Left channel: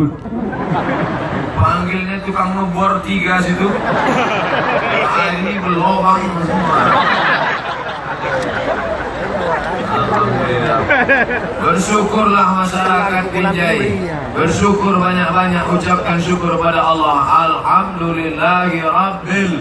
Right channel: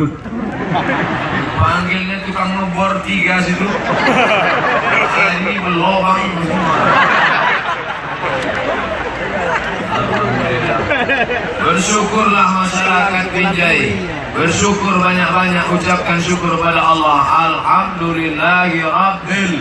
dangdut. Panggilnya tukang ngebor 3 situ. Ini berlobang semua. Alhamdulillah. Bersyukurlah masyarakat Binjai. Bersyukur banyak-banyak, ucapkan syukur pada Allah. Alhamdulillahi Rabbil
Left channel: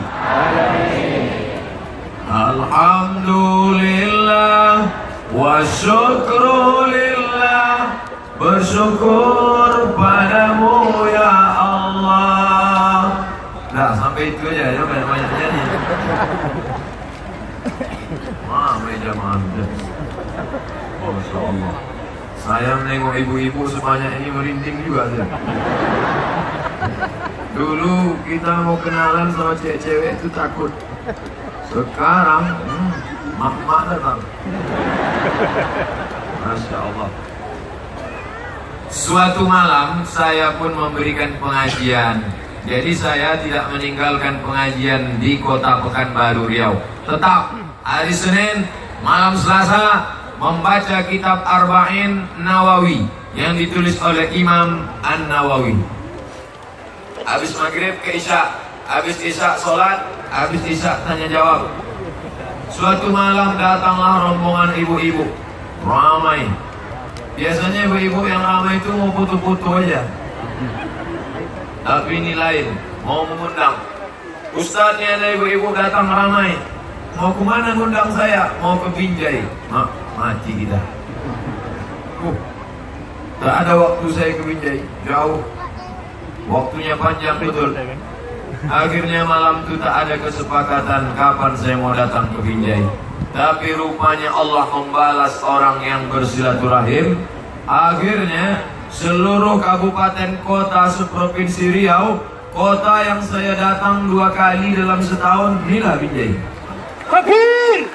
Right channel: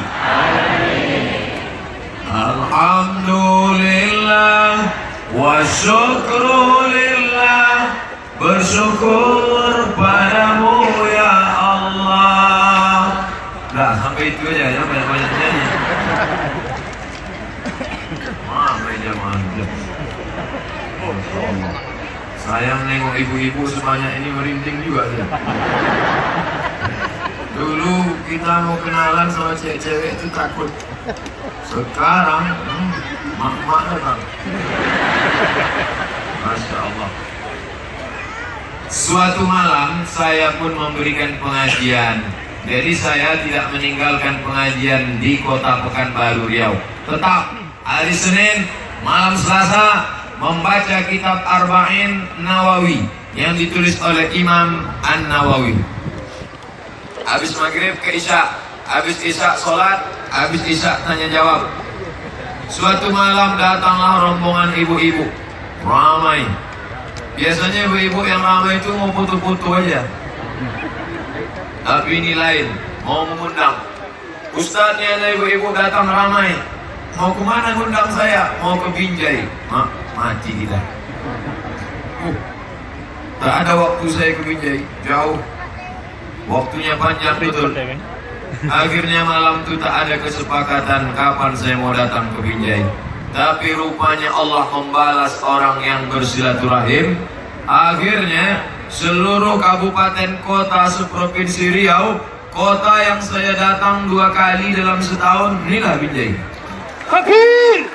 Alhamdulillah wa syukru lillah. Bersyukur padamu ya Allah. Nah, sampai itu aja ya, udah banyak nyanyi. Meja mantap. Masya Allah. Saya menengok ibu-ibu sebanyak ini merinding juga dia. Dulu kita mau kenalan sama cewek-cewek itu takut. Sekarang, mak-mak datang. Masya Allah. Suatu malam saya pun memberikan pengajian. Jadi saya tidak meninggalkan pengajian di kota Pekanbaru Riau. Tetap hari Senin, malam Selasa membaca kitab Arba'in Nawawi yang ditulis oleh Imam An-Nawawi. Habis maghrib ke Isya, habis Isya sholat, habis Isya tanya jawab. Suatu malam datanglah rombongan ibu-ibu ramai. Biasanya ibu-ibu yang ramai itu mau foto-foto aja. Tapi ini lain, mau mengundang. Ustadz nih, ada ibu-ibu datang ramai. Mau kemana ngundang saya? Mau ke Binjai. Mati kita. Tak ada waktu saya ke Binjai, jauh. Waktunya panjang betul. Akhirnya malam itu tak ada kesepakatan kapan saya mau datang ke Binjai. Tapi rupanya Allah membalas orang yang bersilaturahim. Akhirnya seluruh kabupaten kota seprovinsi Riau, kota yang saya datang 2 kali dalam setahun, inilah Binjai. Fakir.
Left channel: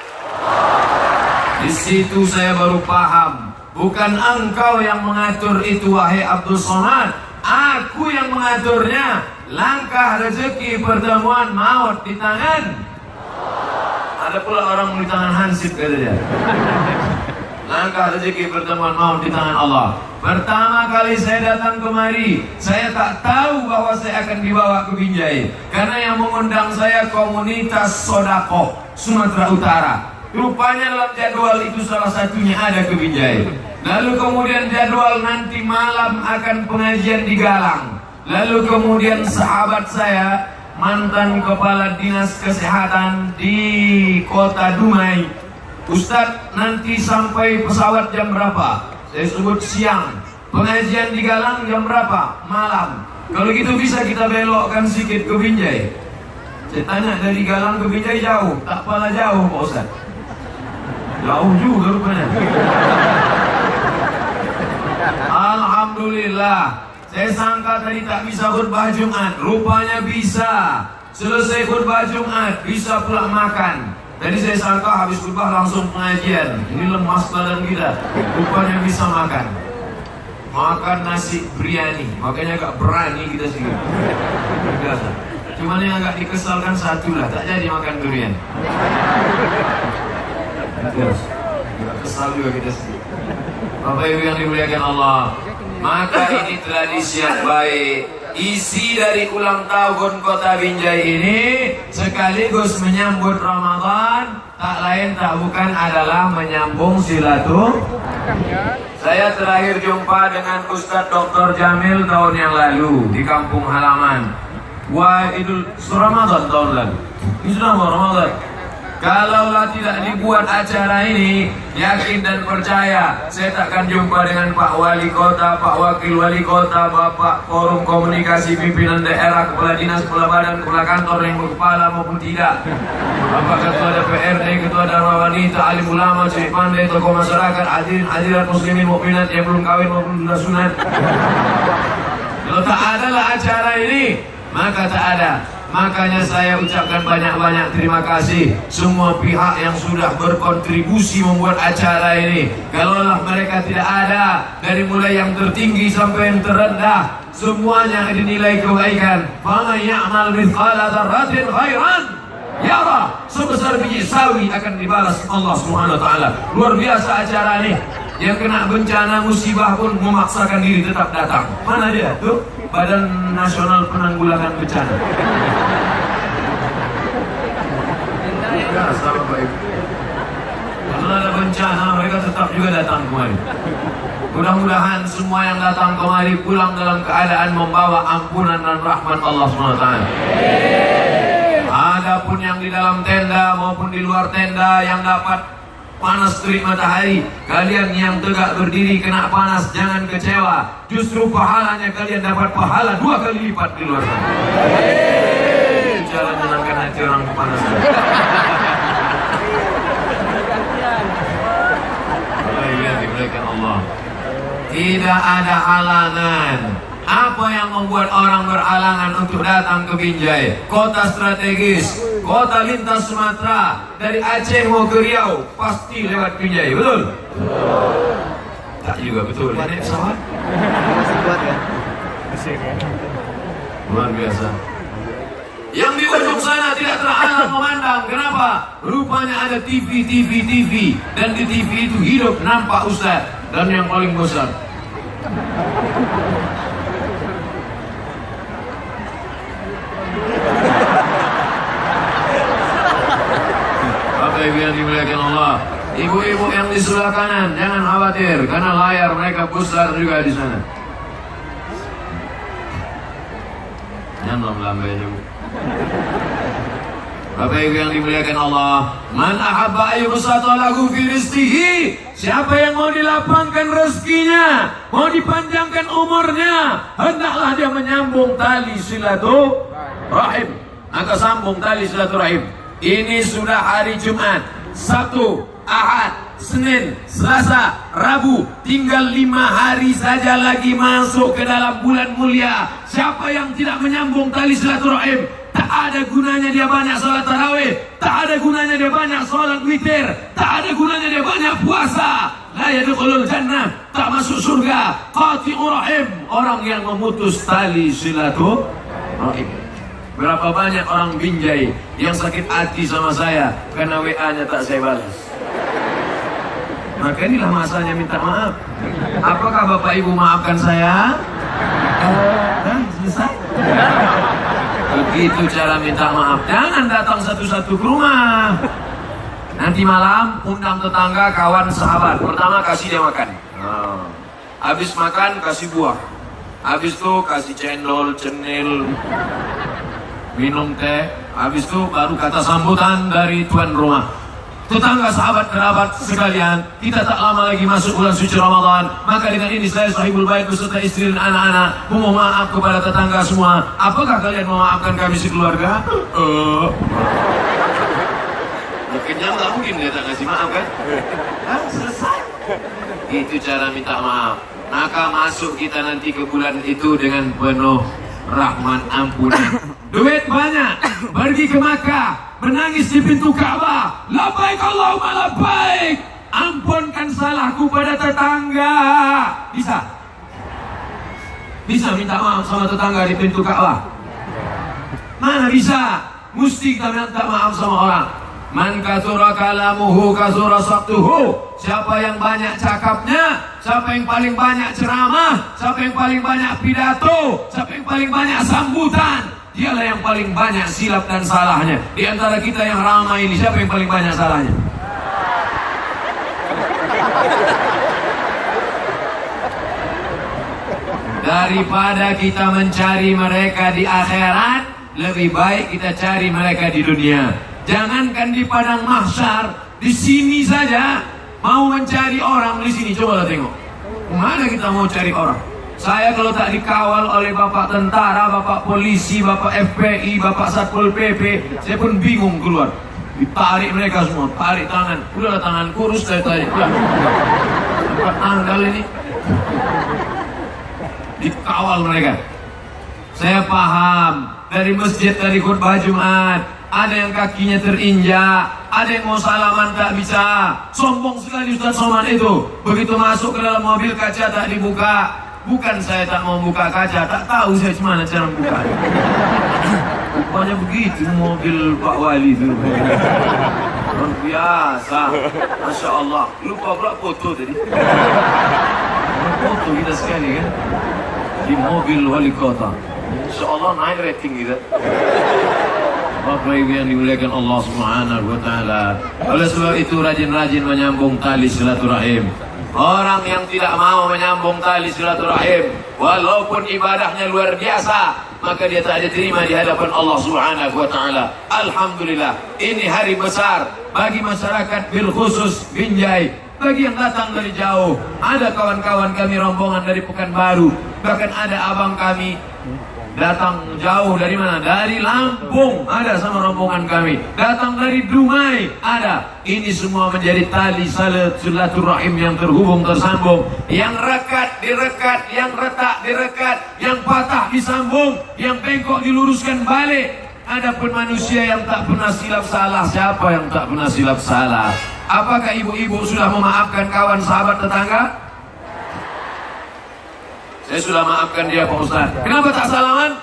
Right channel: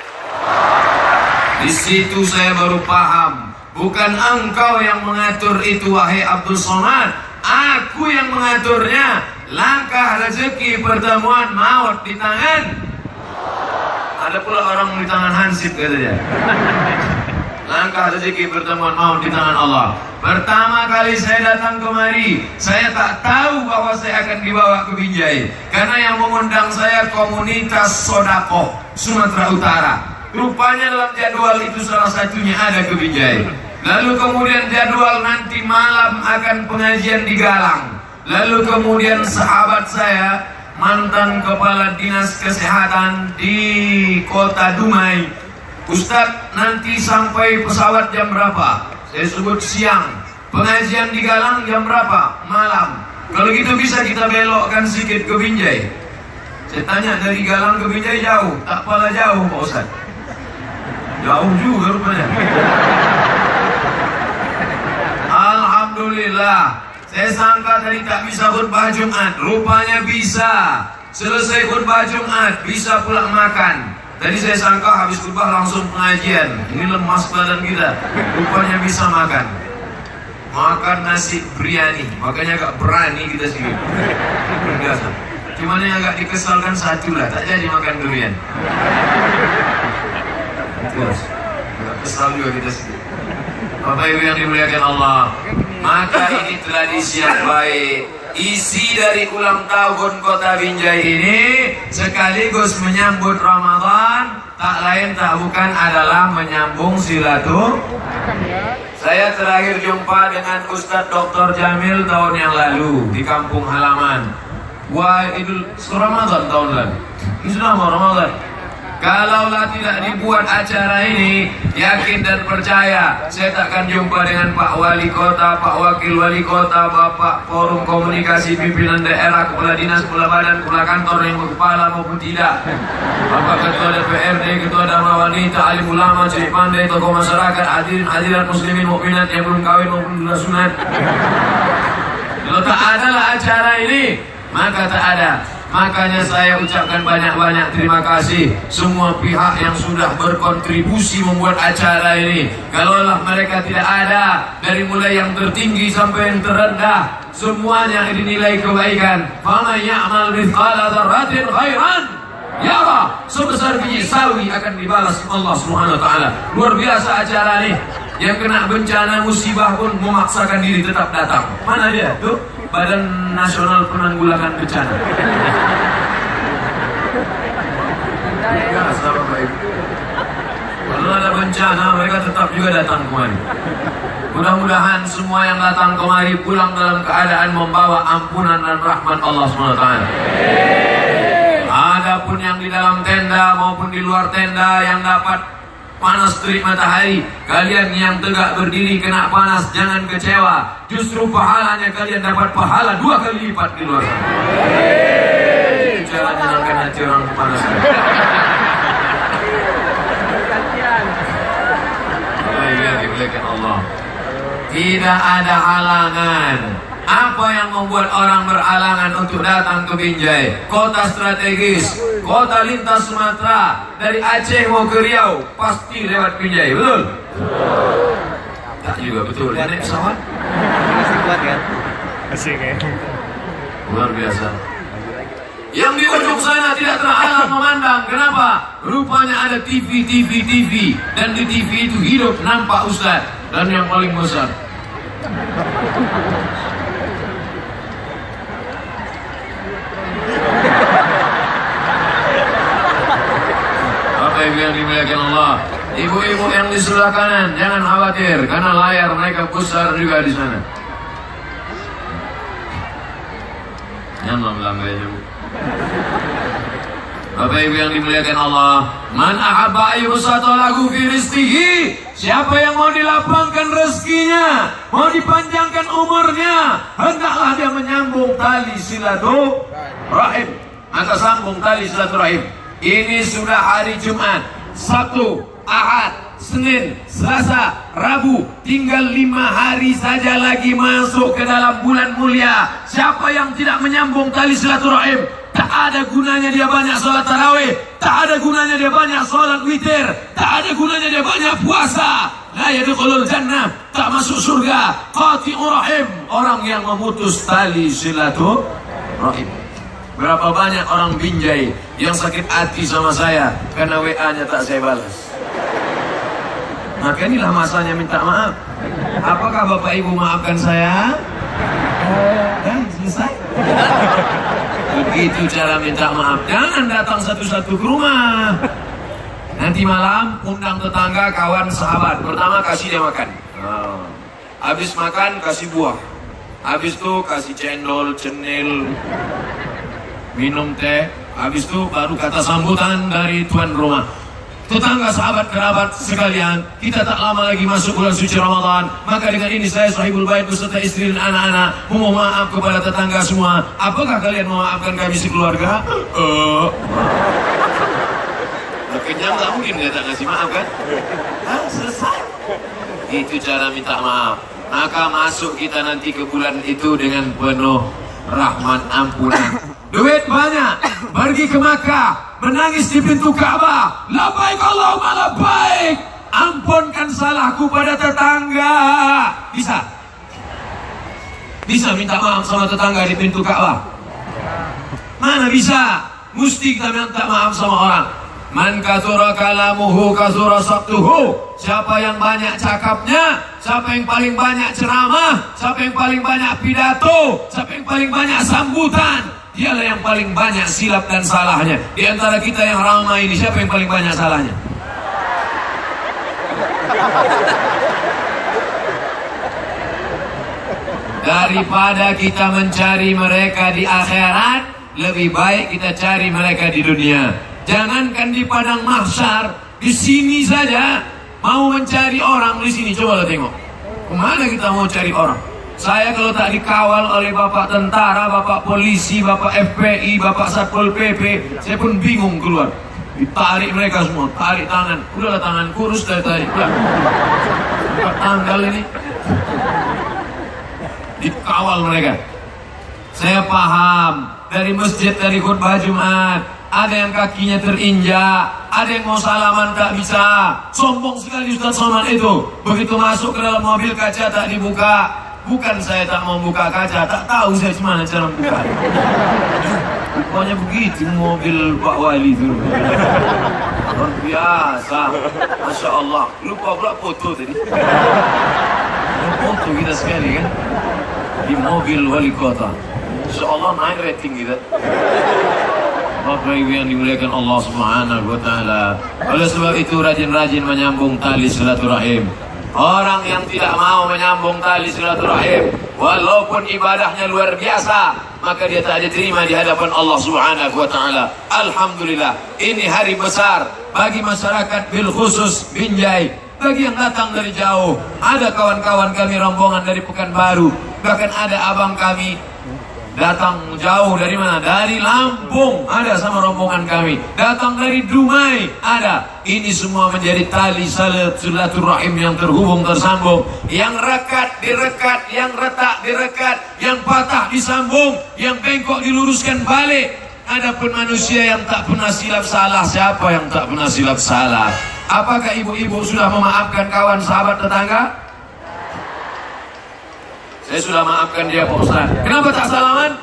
Di situ saya baru paham, bukan engkau yang mengatur itu wahai Abdul Somad, aku yang mengaturnya. Langkah rezeki pertemuan maut di tangan. Ada pula orang di tangan Hansip katanya. Langkah rezeki pertemuan maut di tangan Allah. Pertama kali saya datang kemari, saya tak tahu bahwa saya akan dibawa ke Binjai. Karena yang mengundang saya komunitas Sodako Sumatera Utara. Rupanya dalam jadwal itu salah satunya ada ke Binjai. Lalu kemudian jadwal nanti malam akan pengajian di Galang. Lalu kemudian sahabat saya, mantan kepala dinas kesehatan di kota Dumai, Ustadz nanti sampai pesawat jam berapa? Saya sebut siang. Pengajian di Galang jam berapa? Malam. Kalau gitu bisa kita belokkan sedikit ke Binjai. Saya tanya, dari Galang ke Binjai jauh? Tak pala jauh Pak Ustadz. Jauh juga rupanya. Alhamdulillah. Saya sangka tadi tak bisa khutbah Jumat, rupanya bisa. Selesai khutbah Jumat, bisa pulang makan. Tadi saya sangka habis khutbah langsung pengajian. Ini lemas badan kita, rupanya bisa makan. Makan nasi biryani, makanya agak berani kita sih. Biasa. Cuman yang agak dikesalkan satu lah, tak jadi makan durian. Terus, agak kesal juga kita sih. Bapak Ibu yang dimuliakan Allah, maka ini tradisi yang baik. Isi dari ulang tahun kota Binjai ini sekaligus menyambut Ramadan, tak lain tak bukan adalah menyambung silaturahim. Saya terakhir jumpa dengan Ustadz Dr. Jamil tahun yang lalu di kampung halaman. Wah, Idul Ramadan tahun lalu. Ini sudah mau Ramadan. Kalaulah tidak dibuat acara ini, yakin dan percaya saya takkan jumpa dengan Pak Wali Kota, Pak Wakil Wali Kota, Bapak Forum Komunikasi Pimpinan Daerah, Kepala Dinas, Kepala Badan, Kepala Kantor yang berkepala maupun tidak, Bapak Ketua DPRD, Ketua Dharma Wanita, Alim Ulama, Ciri Pandai, tokoh masyarakat, hadirin muslimin mukminat yang belum kawin maupun sudah sunat. Kalau tak adalah acara ini, maka tak ada. Makanya saya ucapkan banyak-banyak terima kasih semua pihak yang sudah berkontribusi membuat acara ini. Kalaulah mereka tidak ada, dari mulai yang tertinggi sampai yang terendah, semuanya dinilai kebaikan. Faman ya'mal mithqala dzarratin khairan yara, sebesar biji sawi akan dibalas Allah Subhanahu wa taala. Luar biasa acara ini. Yang kena bencana musibah pun memaksakan diri tetap datang. Mana dia? Tuh, Badan Nasional Penanggulangan Bencana. Ya, salah baik. Kalau ada bencana, mereka tetap juga datang kemari. Mudah-mudahan semua yang datang kemari pulang dalam keadaan membawa ampunan dan rahmat Allah SWT. Adapun yang di dalam tenda maupun di luar tenda yang dapat panas terik matahari, kalian yang tegak berdiri kena panas, jangan kecewa. Justru pahalanya kalian dapat pahala 2 kali lipat di luar sana. Cara menyenangkan hati orang panas. Bapak Ibu yang dimuliakan Allah, tidak ada halangan. Apa yang membuat orang beralangan untuk datang ke Binjai? Kota strategis, kota lintas Sumatera, dari Aceh mau ke Riau pasti lewat Binjai, betul? Tak juga betul. Naik pesawat Masih kuat ya? Masih ya. luar biasa. Yang di ujung sana tidak terhalang memandang. Kenapa? Rupanya ada TV. Dan di TV itu hidup nampak Ustaz. Dan yang paling besar, Bapak Ibu yang dimuliakan Allah, ibu-ibu yang di sebelah kanan jangan khawatir karena layar mereka besar juga di sana. Jangan lambai Bu. Bapak Ibu yang dimuliakan Allah, man ahabba ayyubsata lahu fi rizqihi, siapa yang mau dilapangkan rezekinya, mau dipanjangkan umurnya, hendaklah dia menyambung tali silaturahim. Maka sambung tali silaturahim. Ini sudah hari Jumat, Sabtu, Ahad, Senin, Selasa, Rabu, tinggal 5 hari saja lagi masuk ke dalam bulan mulia. Siapa yang tidak menyambung tali silaturahim, tak ada gunanya dia banyak sholat tarawih, tak ada gunanya dia banyak sholat witir, tak ada gunanya dia banyak puasa. La yadkhulul jannah, tak masuk surga. Qati'ur rahim, orang yang memutus tali silaturahim. Berapa banyak orang Binjai yang sakit hati sama saya karena WA-nya tak saya balas. Maka inilah masanya minta maaf. Apakah Bapak Ibu maafkan saya? Selesai. Begitu cara minta maaf. Jangan datang satu-satu ke rumah. Nanti malam undang tetangga, kawan, sahabat. Pertama kasih dia makan. Habis makan kasih buah. Habis itu kasih cendol, cenil, minum teh. Habis itu baru kata sambutan dari tuan rumah. Tetangga, sahabat, kerabat sekalian, kita tak lama lagi masuk bulan suci Ramadan. Maka dengan ini saya sahibul bait beserta istri dan anak-anak memohon maaf kepada tetangga semua. Apakah kalian memaafkan kami sekeluarga? Kenyang nggak mungkin dia tak kasih maaf kan? Selesai. Itu cara minta maaf. Maka masuk kita nanti ke bulan itu dengan penuh rahmat ampunan. Duit banyak, pergi ke Makkah, menangis di pintu Ka'bah, labbaik Allahumma labbaik, ampunkan salahku pada tetangga. Bisa? Bisa minta maaf sama tetangga di pintu Ka'bah? Mana bisa? Mesti kita minta maaf sama orang. Man katsura kalamuhu katsura sabtuhu. Siapa yang banyak cakapnya, siapa yang paling banyak ceramah, siapa yang paling banyak pidato, siapa yang paling banyak sambutan, dialah yang paling banyak silap dan salahnya. Di antara kita yang ramai ini, siapa yang paling banyak salahnya? Daripada kita mencari mereka di akhirat, lebih baik kita cari mereka di dunia. Jangankan di padang mahsyar, di sini saja mau mencari orang di sini. Coba tengok, kemana kita mau cari orang? Saya kalau tak dikawal oleh bapak tentara, bapak polisi, bapak FPI, bapak Satpol PP, saya pun bingung keluar. Ditarik mereka semua, tarik tangan. Udahlah tangan kurus, tarik. Udah. Tanggal ini dikawal mereka. Saya paham, dari masjid, dari khutbah Jumat, ada yang kakinya terinjak, ada yang mau salaman tak bisa. Sombong sekali Ustaz Somad itu. Begitu masuk ke dalam mobil, kaca tak dibuka. Bukan saya tak mau buka kaca, tak tahu saya gimana cara buka. Rupanya begitu mobil Pak Wali itu. Luar biasa. Masya Allah. Lupa pula foto tadi. Foto kita sekali kan. Di mobil wali kota. Insya Allah naik rating kita. Bapak Ibu yang dimuliakan Allah Subhanahu wa Ta'ala. Oleh sebab itu rajin-rajin menyambung tali silaturahim. Orang yang tidak mau menyambung tali silaturahim, walaupun ibadahnya luar biasa, maka dia tak diterima di hadapan Allah Subhanahu wa Ta'ala. Alhamdulillah, ini hari besar bagi masyarakat bil khusus Binjai. Bagi yang datang dari jauh, ada kawan-kawan kami rombongan dari Pekanbaru, bahkan ada abang kami datang jauh dari mana? Dari Lampung ada sama rombongan kami. Datang dari Dumai ada. Ini semua menjadi tali silaturahim yang terhubung tersambung. Yang rekat direkat, yang retak direkat, yang patah disambung, yang bengkok diluruskan balik. Adapun manusia yang tak pernah silap salah, siapa yang tak pernah silap salah? Apakah ibu-ibu sudah memaafkan kawan sahabat tetangga? Saya sudah maafkan dia Pak Ustaz. Kenapa tak salaman?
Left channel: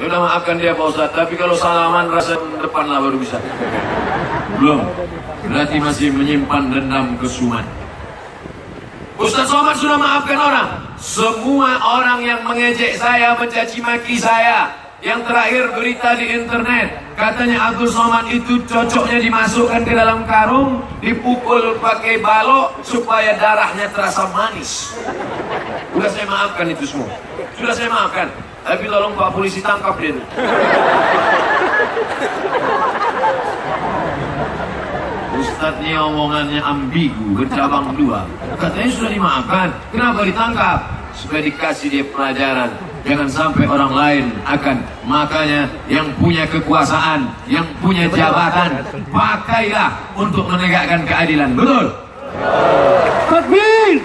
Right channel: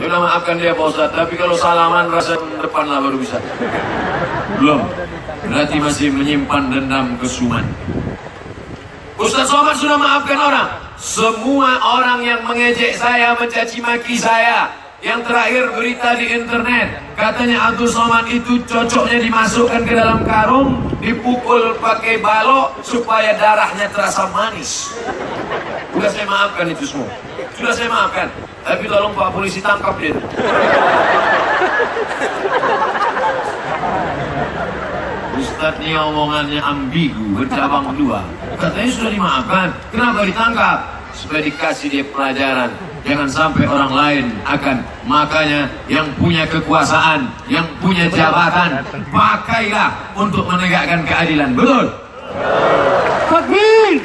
Sudah maafkan dia Pak Ustaz. Tapi kalau salaman rasa depan lah baru bisa. Belum. Berarti masih menyimpan dendam kesuman. Ustaz Somad sudah maafkan orang. Semua orang yang mengejek saya, mencaci maki saya. Yang terakhir berita di internet, katanya Abdul Somad itu cocoknya dimasukkan ke dalam karung, dipukul pakai balok supaya darahnya terasa manis. Sudah saya maafkan itu semua. Sudah saya maafkan. Tapi tolong Pak Polisi tangkap dia itu. Ustadz ini omongannya ambigu, bercabang dua. Katanya sudah dimaafkan. Kenapa ditangkap? Supaya dikasih dia pelajaran. Jangan sampai orang lain akan. Makanya yang punya kekuasaan, yang punya jabatan, pakailah untuk menegakkan keadilan. Betul? Takbir!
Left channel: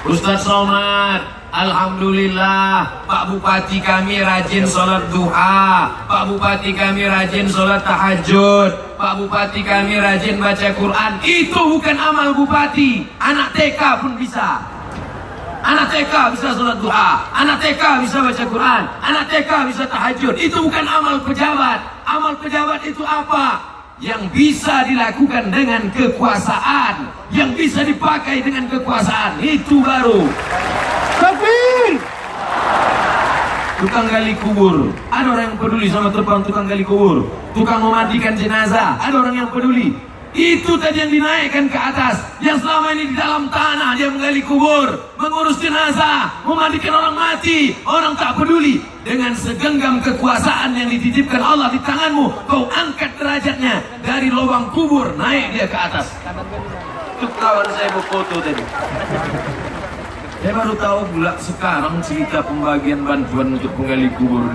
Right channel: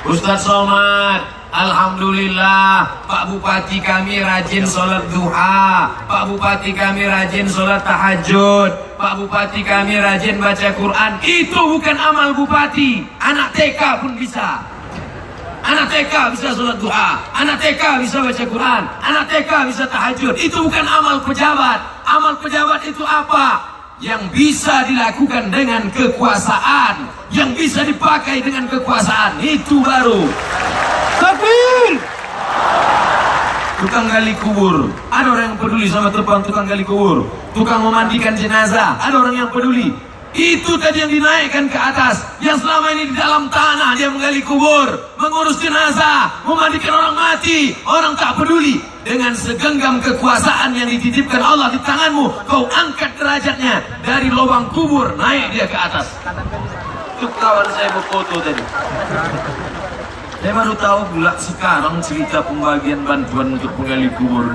Ustaz Somad, alhamdulillah Pak Bupati kami rajin sholat duha, Pak Bupati kami rajin sholat tahajud, Pak Bupati kami rajin baca Quran. Itu bukan amal bupati, anak TK pun bisa. Anak TK bisa sholat duha, anak TK bisa baca Quran, anak TK bisa tahajud. Itu bukan amal pejabat. Amal pejabat itu apa? Yang bisa dilakukan dengan kekuasaan, yang bisa dipakai dengan kekuasaan, itu baru. Takbir! Tukang gali kubur, ada orang yang peduli sama tukang gali kubur. Tukang memandikan jenazah, ada orang yang peduli. Itu tadi yang dinaikkan ke atas, yang selama ini di dalam tanah dia menggali kubur, mengurus jenazah, memandikan orang mati. Orang tak peduli. Dengan segenggam kekuasaan yang dititipkan Allah di tanganmu, kau angkat derajatnya dari lubang kubur, naik dia ke atas. Itu kawan saya berfoto tadi. Saya baru tahu pula sekarang cerita pembagian bantuan untuk penggali kubur.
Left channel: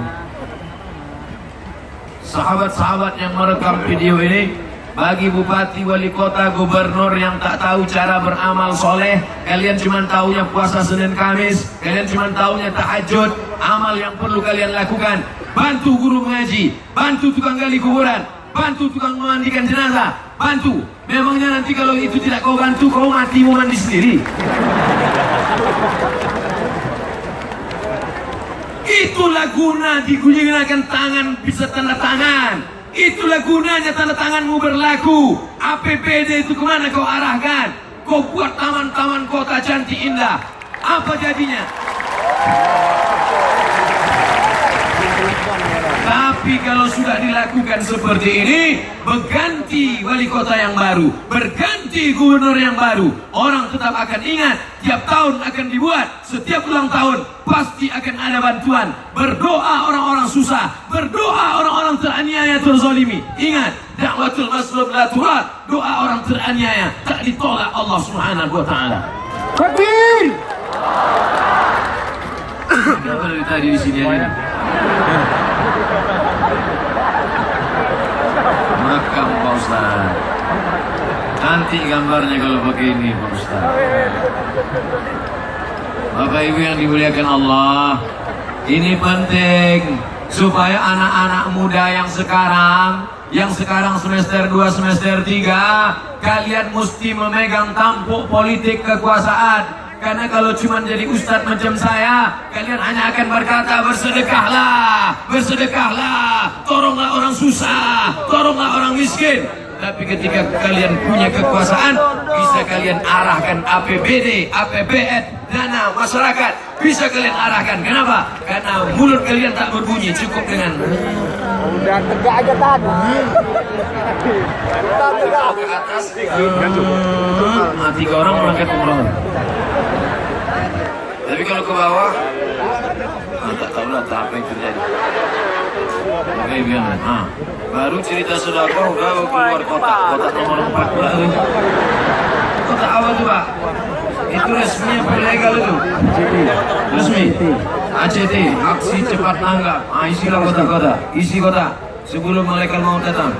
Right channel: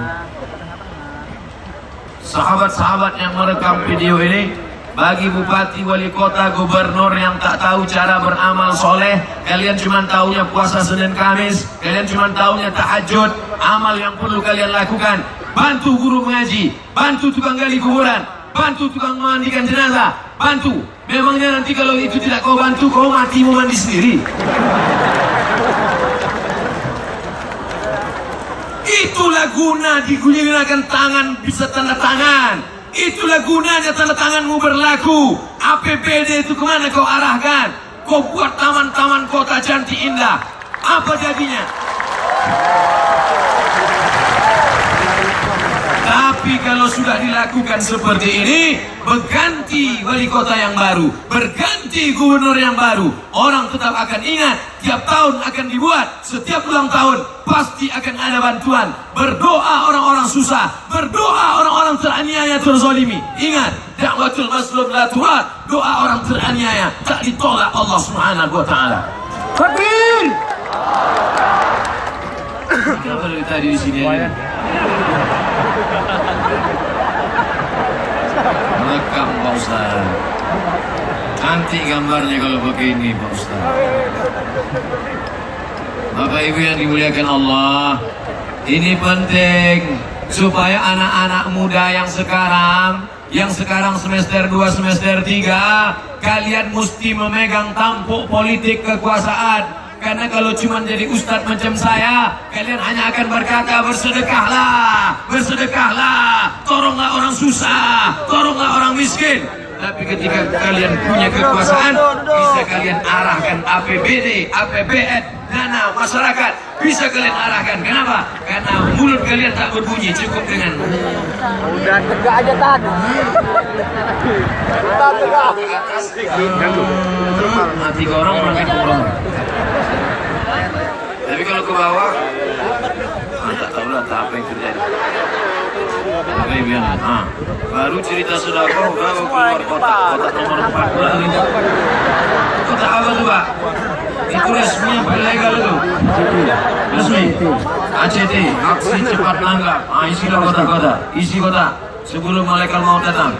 Sahabat-sahabat yang merekam video ini, bagi bupati, wali kota, gubernur yang tak tahu cara beramal soleh, kalian cuma taunya puasa Senin Kamis, kalian cuma taunya tahajud. Amal yang perlu kalian lakukan, bantu guru mengaji, bantu tukang gali kuburan, bantu tukang memandikan jenazah, bantu. Memangnya nanti kalau itu tidak kau bantu, kau mati mau mandi sendiri? Itulah guna digunakan tangan, bisa tanda tangan. Itulah gunanya tanda tanganmu berlaku. APBD itu kemana kau arahkan? Kau buat taman-taman kota cantik indah. Apa jadinya? Tapi kalau sudah dilakukan seperti ini, berganti wali kota yang baru, berganti gubernur yang baru, orang tetap akan ingat. Tiap tahun akan dibuat, setiap ulang tahun pasti akan ada bantuan. Berdoa orang-orang susah, berdoa orang-orang teraniaya, terzalimi. Ingat, da'watul mazlum la turad. Doa orang teraniaya tak ditolak Allah Subhanahu wa Ta'ala. Takbir! Kenapa dari tadi di sini aja? Merekam Pak Ustaz. Cantik gambarnya kalau pakai ini Pak Ustaz. Bapak Ibu yang dimuliakan Allah, ini penting supaya anak-anak muda yang sekarang semester 2, semester 3, kalian mesti memegang tampuk politik kekuasaan. Karena kalau cuma jadi ustadz macam saya, kalian hanya akan berkata bersedekahlah, bersedekahlah, tolonglah orang susah, tolonglah orang miskin. Tapi ketika kalian punya kekuasaan, bisa kalian arahkan APBD, APBN, dana masyarakat, bisa kalian arahkan. Kenapa? Karena mulut kalian tak berbunyi, cukup dengan Udah tegak aja tahan. Udah tegak. Tiga orang berangkat umroh. Tapi kalau ke bawah, tak tahu lah apa yang terjadi. Oke, biar. Baru cerita sodako, baru keluar kota nomor 4 baru. Kota apa tuh, Pak? Itu resminya ilegal itu. Resmi. ACT, aksi cepat tanggap. Isilah kota-kota, isi kota sebelum malaikat maut datang.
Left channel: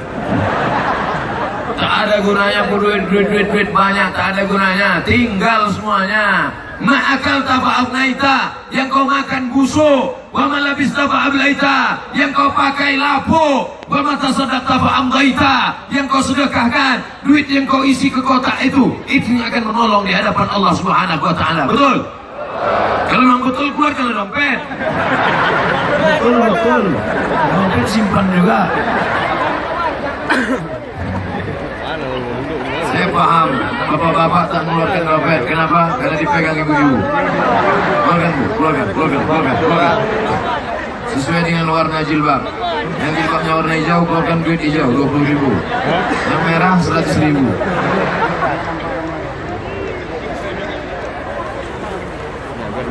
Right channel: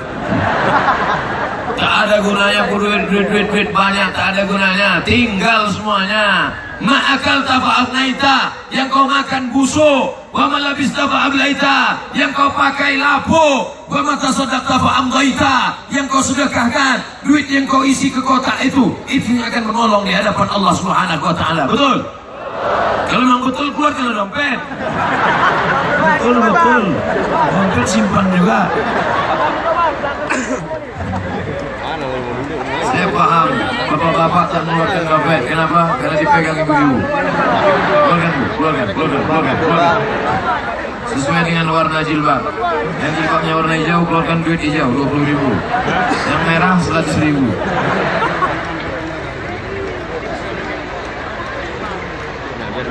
Tak ada gunanya duit banyak, tak ada gunanya. Tinggal semuanya. Ma'akal tafa'abnaita, yang kau makan busuk. Wa malabis tafa'ablaita, yang kau pakai lapo. Wa matasaddaq tafa'amdaita, yang kau sedekahkan. Duit yang kau isi ke kotak itu yang akan menolong di hadapan Allah Subhanahu wa taala. Betul? Kalau memang betul, keluarkan dompet. Betul. Dompet simpan juga. Saya paham, bapak-bapak tak mengeluarkan dompet. Kenapa? Karena dipegang ibu-ibu. Keluarkan. Sesuai dengan warna jilbab. Yang jilbabnya warna hijau, keluarkan duit hijau 20.000. Yang merah 100.000.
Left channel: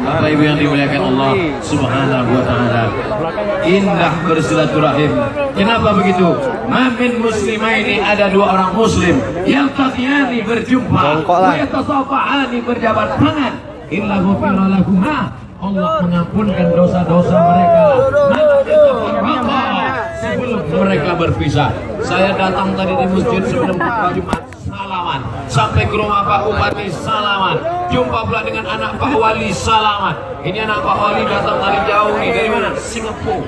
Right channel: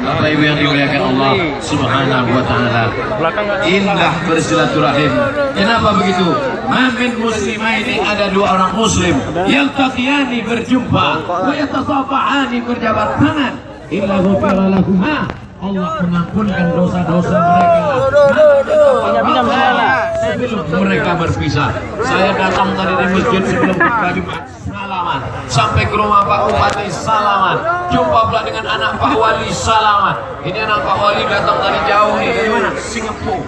Bapak Ibu yang dimuliakan Allah Subhanahu wa taala. Indah bersilaturahim. Kenapa begitu? Mamin muslimaini, ada dua orang muslim yang taqiyani berjumpa, wa yatasafahani berjabat tangan. Illa ghufira lahuma, Allah mengampunkan dosa-dosa mereka. Sebelum mereka berpisah. Saya datang tadi di masjid sebelum khutbah Jumat, salaman. Sampai ke rumah Pak Bupati, salaman. Jumpa pula dengan anak Pak Wali, salaman. Ini anak Pak Wali datang dari jauh nih. Dari mana? Singapura.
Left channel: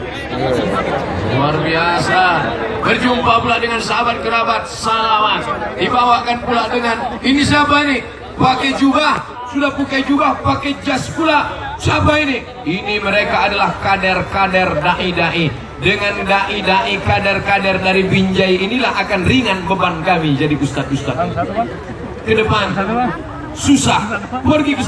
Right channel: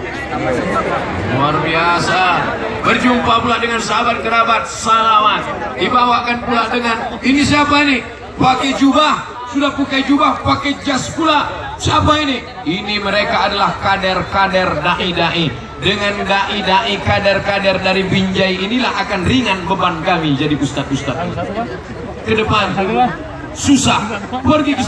Luar biasa. Berjumpa pula dengan sahabat kerabat, salaman. Dibawakan pula dengan, ini siapa ini? Pakai jubah, sudah pakai jubah, pakai jas pula. Siapa ini? Ini mereka adalah kader-kader dai-dai. Dengan dai-dai, kader-kader dari Binjai inilah akan ringan beban kami jadi ustadz-ustadz. Ke depan susah, pergi ke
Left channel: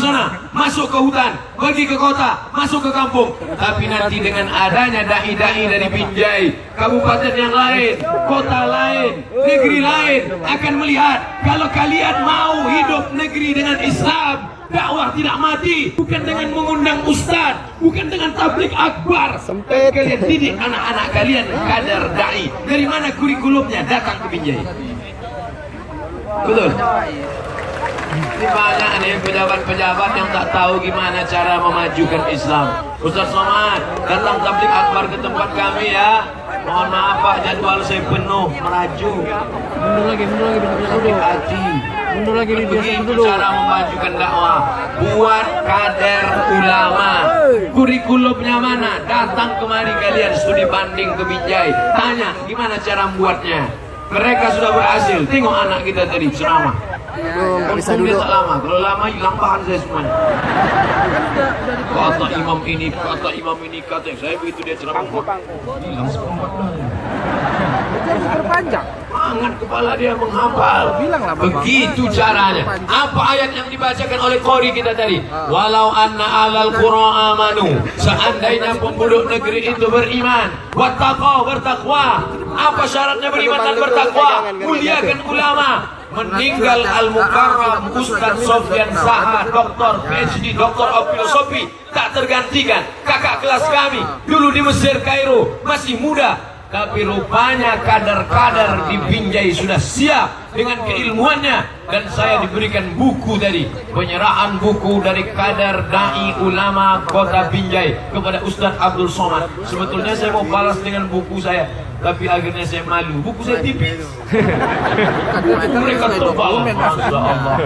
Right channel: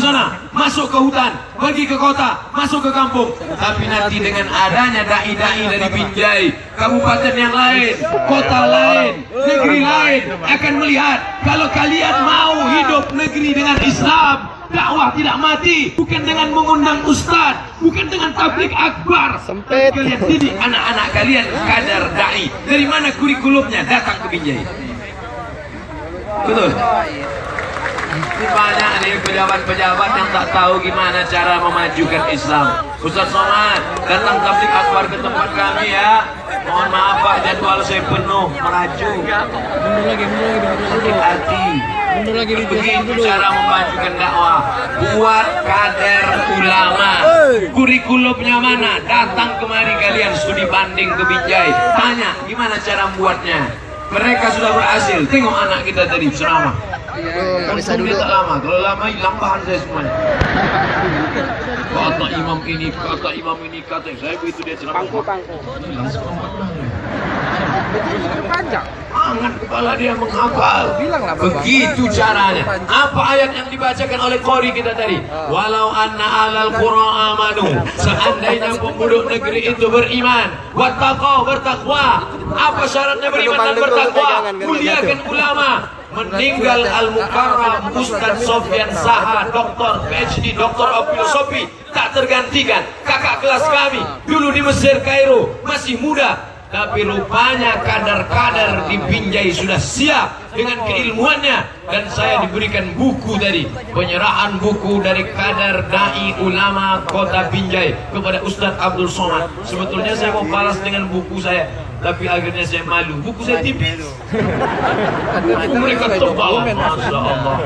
sana, masuk ke hutan, pergi ke kota, masuk ke kampung. Tapi nanti dengan adanya dai-dai dari Binjai, kabupaten yang lain, kota lain, negeri lain akan melihat kalau kalian mau hidup negeri dengan Islam, dakwah tidak mati, bukan dengan mengundang ustaz, bukan dengan tablik akbar. Kalian didik anak-anak kalian kader dai. Dari mana kurikulumnya? Datang ke Binjai. Betul. Banyak nih pejabat-pejabat yang tak tahu gimana cara memajukan Islam. Ustaz Somad, datang tablik akbar ke tempat kami ya. Mohon maaf Pak, jadwal saya penuh, meraju. Hati-hati. Begitu cara memajukan dakwah. Buat kader ulama. Kurikulumnya mana? Datang kemari kalian studi banding ke Binjai. Tanya gimana cara membuatnya. Mereka sudah berhasil. Tengok anak kita tadi ceramah. Bisa dulu. Tak lama. Kalau lama hilang bahan saya semuanya. Kata imam ini, kata saya begitu dia ceramah. Hilang seperempat lagi. Angan kepala dia menghafal. Begitu caranya. Apa ayat yang dibacakan oleh qori kita tadi? Walau anna alal qura amanu, seandainya penduduk negeri itu beriman, wattaqau, bertakwa. Apa syaratnya beriman dan bertakwa? Muliakan ulama. Meninggal Al-Mukarram Ustaz Sofyan Saha, doktor PhD, doktor of filosofi, tak tergantikan. Kakak kelas kami dulu di Mesir, Kairo, masih muda. Tapi rupanya kader-kader di Binjai sudah siap dengan keilmuannya. Dan saya diberikan buku tadi, penyerahan buku dari kader dai ulama kota Binjai kepada Ustadz Abdul Somad. Sebetulnya saya mau balas dengan buku saya, tapi akhirnya saya malu. Buku saya tipis. Buku mereka tebal. Masya Allah.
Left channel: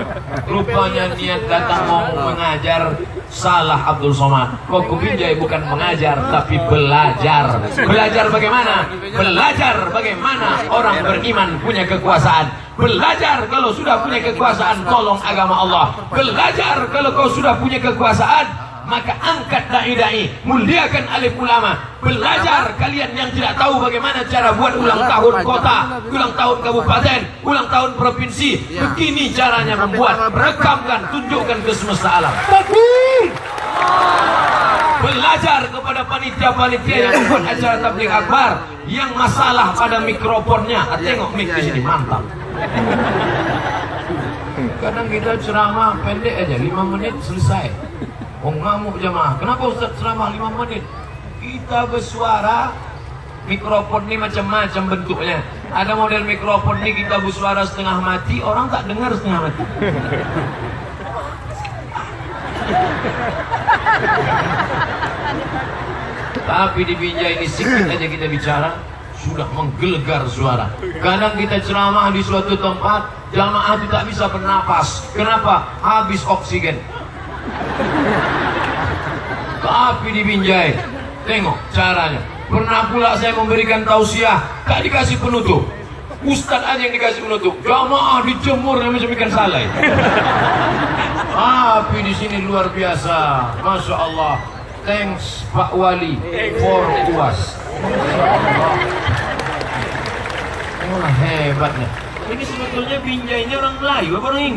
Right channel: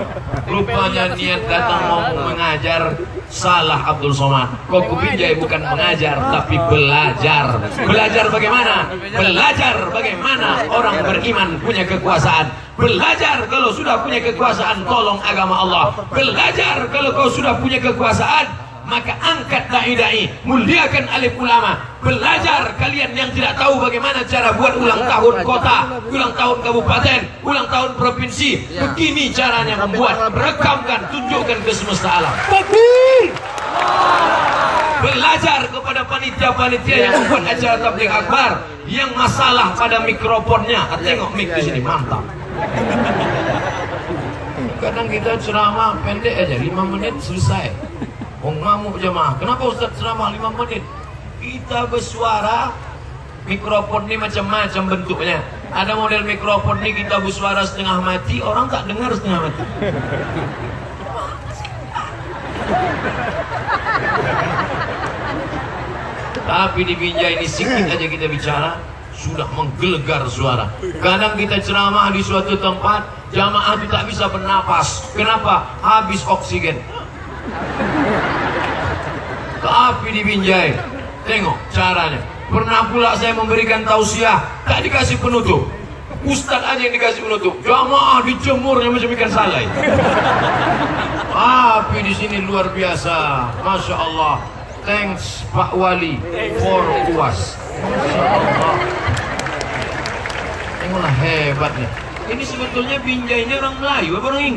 Rupanya niat datang mau mengajar, salah Abdul Somad. Kok ke Binjai bukan mengajar, tapi belajar. Belajar bagaimana? Belajar bagaimana orang beriman punya kekuasaan. Belajar kalau sudah punya kekuasaan, tolong agama Allah. Belajar kalau sudah punya kekuasaan, maka angkat dai-dai, muliakan alim ulama. Belajar kalian yang tidak tahu bagaimana cara buat ulang tahun kota, ulang tahun kabupaten, ulang tahun provinsi. Begini caranya membuat, rekamkan, tunjukkan ke semesta alam. Belajar kepada panitia-panitia yang membuat acara tabligh akbar yang masalah pada mikrofonnya. Tengok mic di sini, mantap. Kadang kita ceramah pendek aja, 5 menit selesai. Ngamuk jemaah. Kenapa Ustaz ceramah 5 menit? Kita bersuara, mikrofon ini macam-macam bentuknya. Ada model mikrofon ini kita bersuara setengah mati, orang tak dengar setengah mati. Tapi di Binjai ini sedikit aja kita bicara, sudah menggelegar suara. Kadang kita ceramah di suatu tempat, jamaah itu tak bisa bernapas. Kenapa? Habis oksigen. Tapi di Binjai, tengok caranya. Pernah pula saya memberikan tausiah, tak dikasih penutup. Ustadz aja yang dikasih penutup. Jamaah dijemurnya macam ikan salai. Tapi di sini luar biasa, masya Allah. Thanks Pak Wali for UAS. Masya Allah. Tengoklah hebatnya. Ini sebetulnya Binjai ini orang Melayu apa orang Inggris?